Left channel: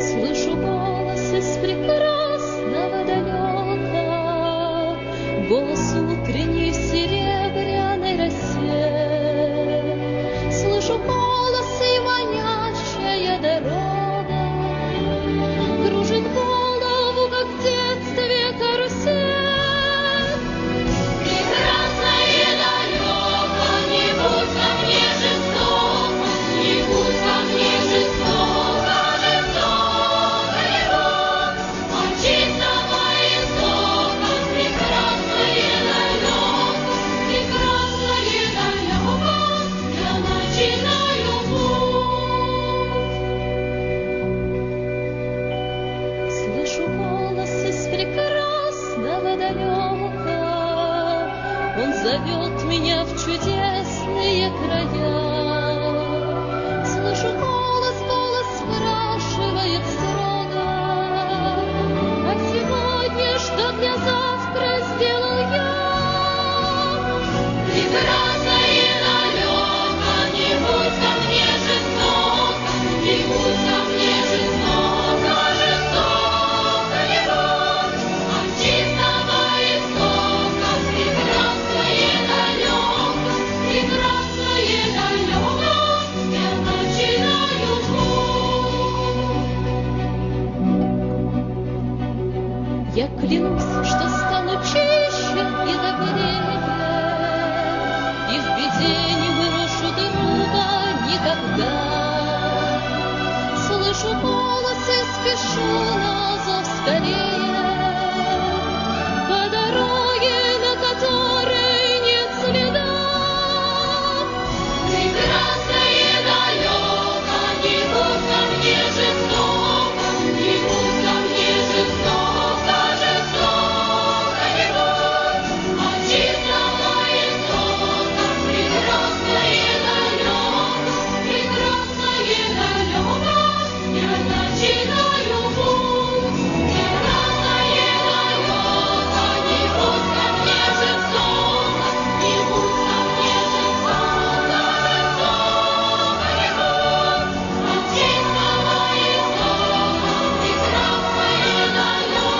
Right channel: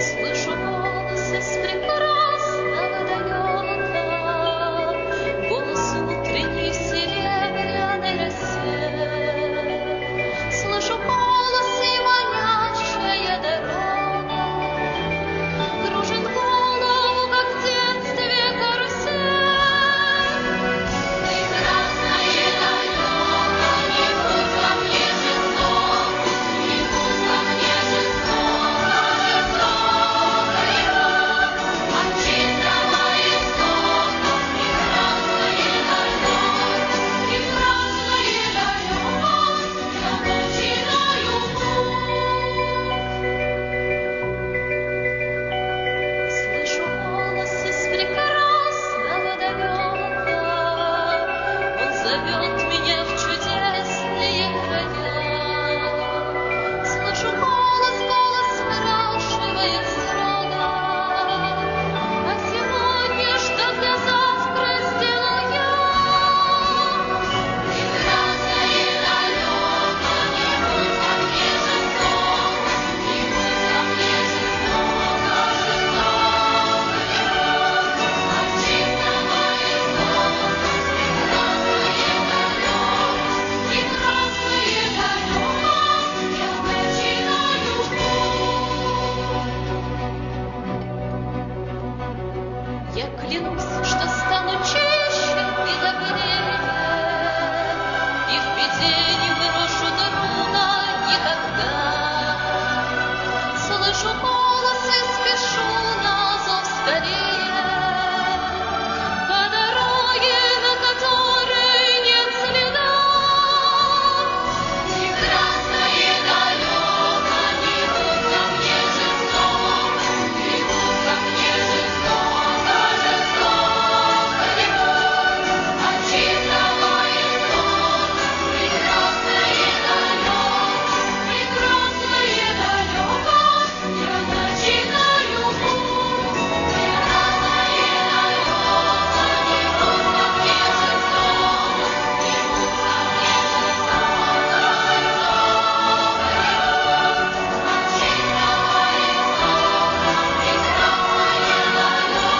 Слышу голос из прекрасного далека, голос утренний в серебряной росе. Слышу голос и манящая дорога кружит голову, как в детстве карусель. Прекрасное далеко, не будь ко мне жестоко, не будь ко мне жестоко, жестокая рок, от чистого истока. Прекрасное далеко, я начинаю путь. Слышу голос из прекрасного далека, он зовет меня в чудесные края. Слышу голос, голос спрашивает строго: а сегодня что для завтра сделал я? Прекрасное далеко, не будь ко мне жестоко, не будь ко мне жестоко, жестокая рок, от чистого истока. Прекрасное далеко, я начинаю путь. Я клянусь, что стану чище и добрее, и в беде не брошу друга никогда. Слышу голос и спешу на зов скорее, по дороге, на которой нет следа. Прекрасное далеко, не будь ко мне жестоко, не будь ко мне жестоко, жестокая рок, от чистого истока. Прекрасное далеко, я начинаю путь. Прекрасное далеко, не будь ко мне жестоко, не будь ко мне жестоко, жестокая рок, от чистого истока. Прекрасное далеко.